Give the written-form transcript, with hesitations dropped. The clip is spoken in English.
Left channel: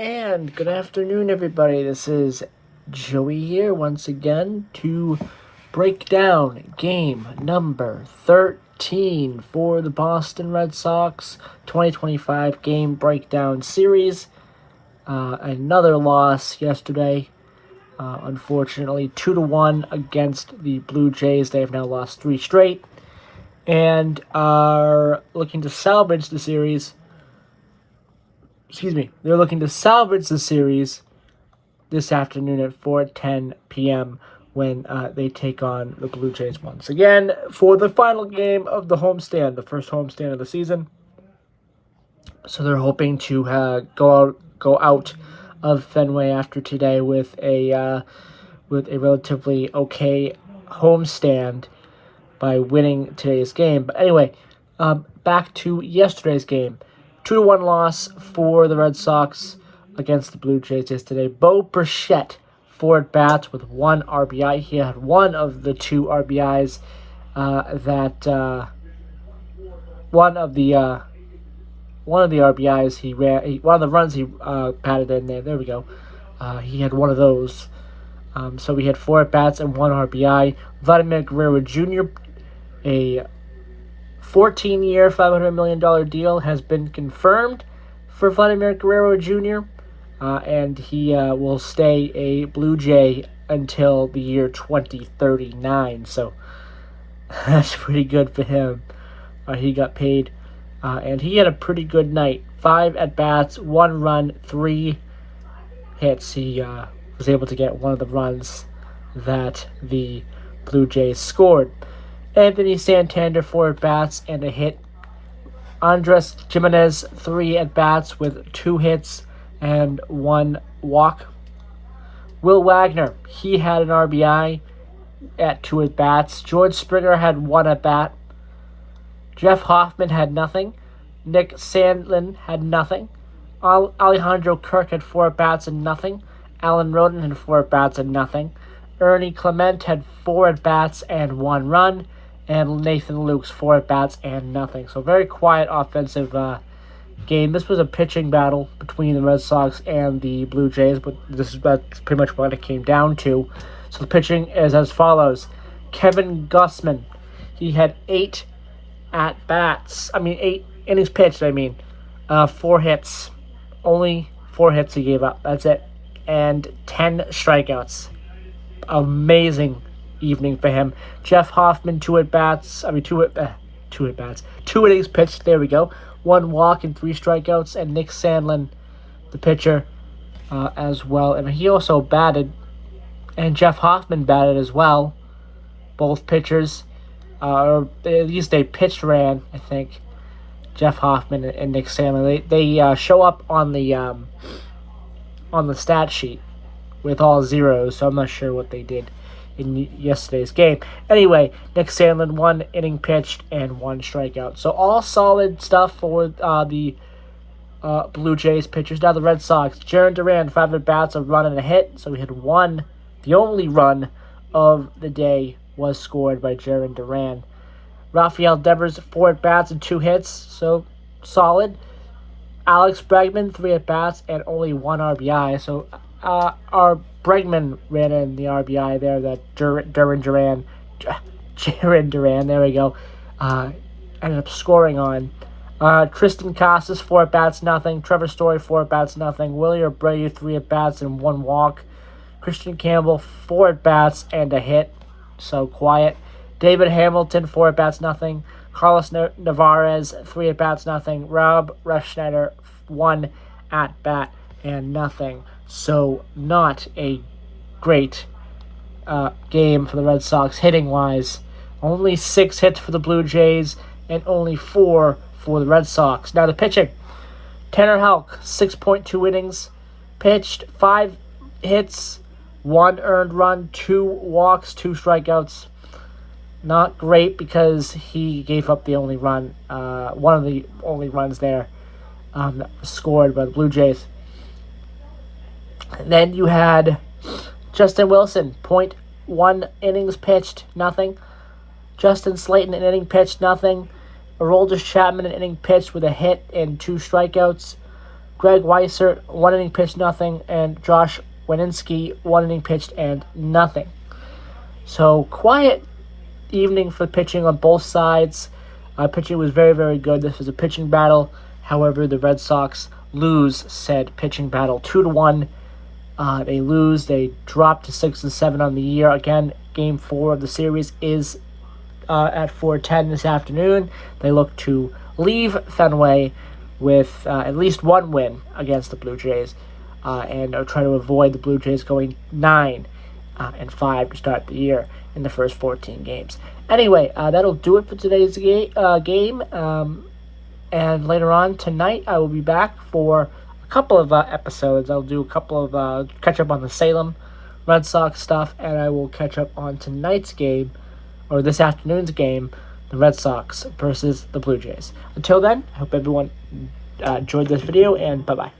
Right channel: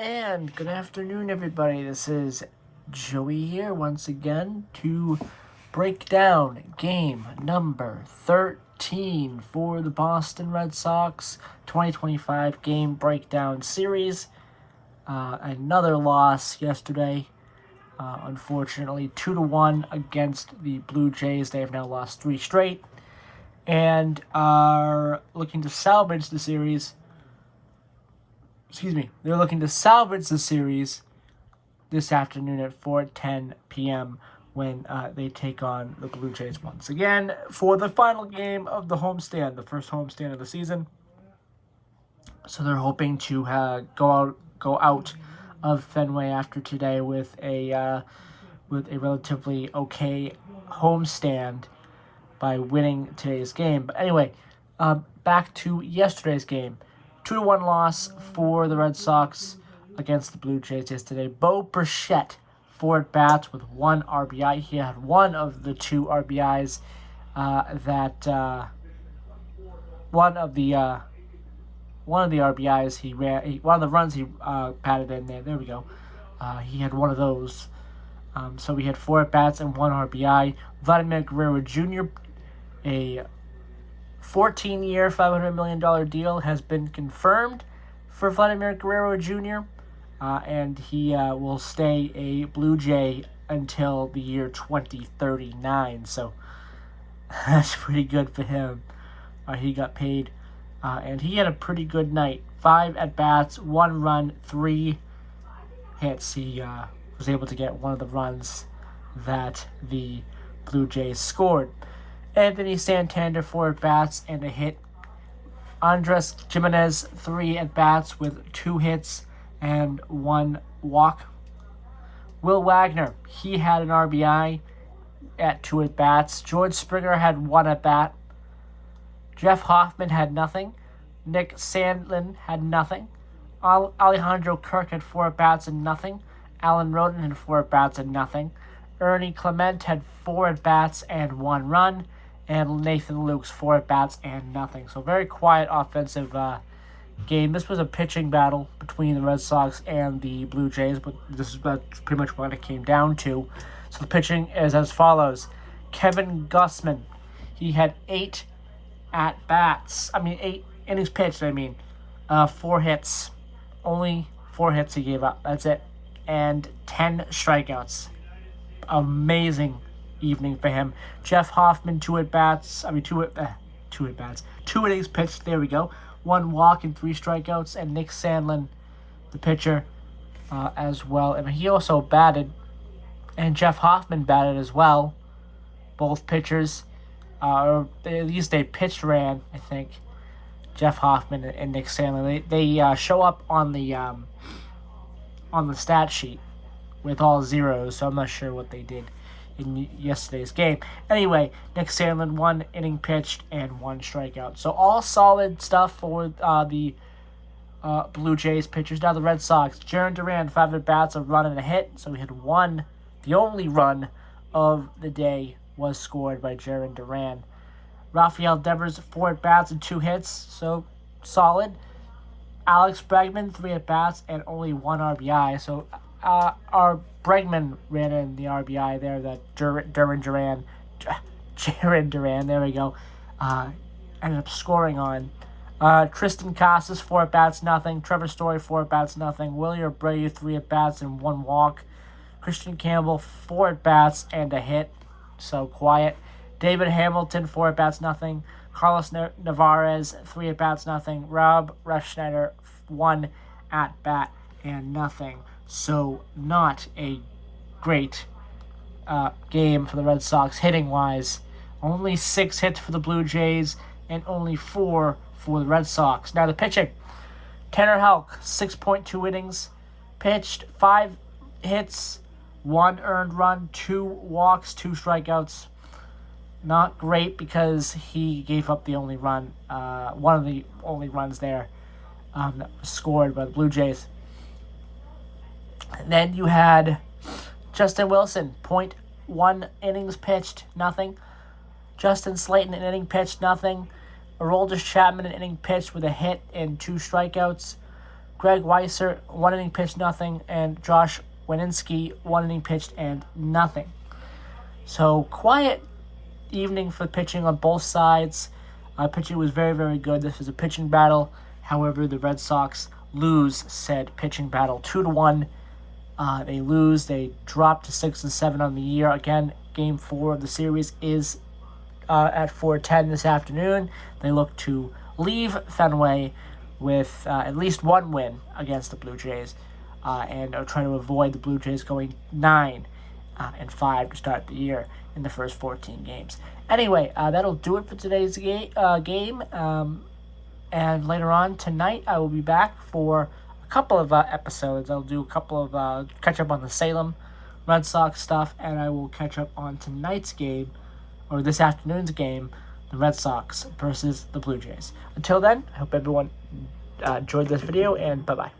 And good afternoon, everybody. This is Joey here once again to break down game number 13 for the Boston Red Sox 2025 game breakdown series. Another loss yesterday, unfortunately, 2-1 against the Blue Jays. They have now lost 3 straight and are looking to salvage the series. They're looking to salvage the series this afternoon at 4:10 p.m. when they take on the Blue Jays once again for the final game of the homestand, the first homestand of the season. So they're hoping to go out of Fenway after today with a relatively okay homestand by winning today's game. But anyway, back to yesterday's game. 2-1 loss for the Red Sox against the Blue Jays yesterday. Bo Bichette, 4 at-bats with 1 RBI. He had one of the 2 RBIs one of the RBIs he ran, one of the runs he batted in there. There we go. He had one of those. So we had 4 at-bats and 1 RBI. Vladimir Guerrero Jr., a 14-year, $500 million deal has been confirmed for Vladimir Guerrero Jr., and he will stay a Blue Jay until the year 2039. So that's pretty good for him. He got paid, and he had a pretty good night. 5 at-bats, 1 run, 3 hits. He was able to get one of the runs that the Blue Jays scored. Anthony Santander, 4 at-bats and a hit. Andres Gimenez, 3 at-bats with 2 hits and 1 walk. Will Wagner, he had an RBI at 2 at-bats. George Springer had 1 at-bat. Jeff Hoffman had nothing. Nick Sandlin had nothing. Alejandro Kirk had 4 at-bats and nothing. Alan Roden had 4 at-bats and nothing. Ernie Clement had 4 at-bats and 1 run. And Nathan Lukes, 4 at-bats and nothing. So very quiet offensive game. This was a pitching battle between the Red Sox and the Blue Jays, but that's pretty much what it came down to. So the pitching is as follows. Kevin Gausman, he had 8 at-bats. 8 innings pitched, 4 hits. Only 4 hits he gave up. That's it. And 10 strikeouts. Amazing evening for him. Jeff Hoffman, 2 at-bats. 2 at-bats. 2 innings pitched. There we go. 1 walk and 3 strikeouts. And Nick Sandlin, the pitcher, as well. And he also batted. And Jeff Hoffman batted as well. Both pitchers. Or at least they pitched ran, I think. Jeff Hoffman and Nick Sandlin. They show up on the stat sheet with all zeros. So I'm not sure what they did in yesterday's game. Anyway, Nick Sandlin, 1 inning pitched and 1 strikeout. So all solid stuff for the Blue Jays pitchers. Now the Red Sox. Jarren Duran, 5 at-bats, a run and a hit. So we had 1. The only run of the day was scored by Jarren Duran. Rafael Devers, 4 at-bats and 2 hits. So solid. Alex Bregman, 3 at-bats and only 1 RBI. So our Bregman ran in the RBI there that Jarren Duran, there we go, ended up scoring on. Tristan Casas, 4 at-bats, nothing. Trevor Story, 4 at-bats, nothing. Willie Abreu, 3 at-bats and 1 walk. Christian Campbell, 4 at-bats and a hit. So quiet. David Hamilton, 4 at-bats, nothing. Carlos Navarez, 3 at-bats, nothing. Rob Refsnyder, 1 at-bat and nothing. So not a great game for the Red Sox hitting-wise. Only 6 hits for the Blue Jays and only 4 for the Red Sox. Now the pitching. Tanner Houck, 6.2 innings pitched, 5 hits, 1 earned run, 2 walks, 2 strikeouts. Not great because he gave up the only run, one of the only runs there that was scored by the Blue Jays. And then you had Justin Wilson, 0.1 innings pitched, nothing. Justin Slayton, an inning pitched, nothing. Aroldis Chapman, an inning pitched with a hit and 2 strikeouts. Greg Weiser, 1 inning pitched, nothing, and Josh Wininski, 1 inning pitched and nothing. So quiet evening for pitching on both sides. Pitching was very, very good. This was a pitching battle. However, the Red Sox lose said pitching battle 2-1. They lose. They drop to 6-7 on the year. Again, Game 4 of the series is at 4:10 this afternoon. They look to leave Fenway with at least one win against the Blue Jays, and try to avoid the Blue Jays going 9-5 to start the year in the first 14 games. Anyway, that'll do it for today's game. And later on tonight, I will be back for a couple of episodes. I'll do a couple of catch up on the Salem Red Sox stuff, and I will catch up on tonight's game, or this afternoon's game, the Red Sox versus the Blue Jays. Until then, I hope everyone enjoyed this video, and bye-bye.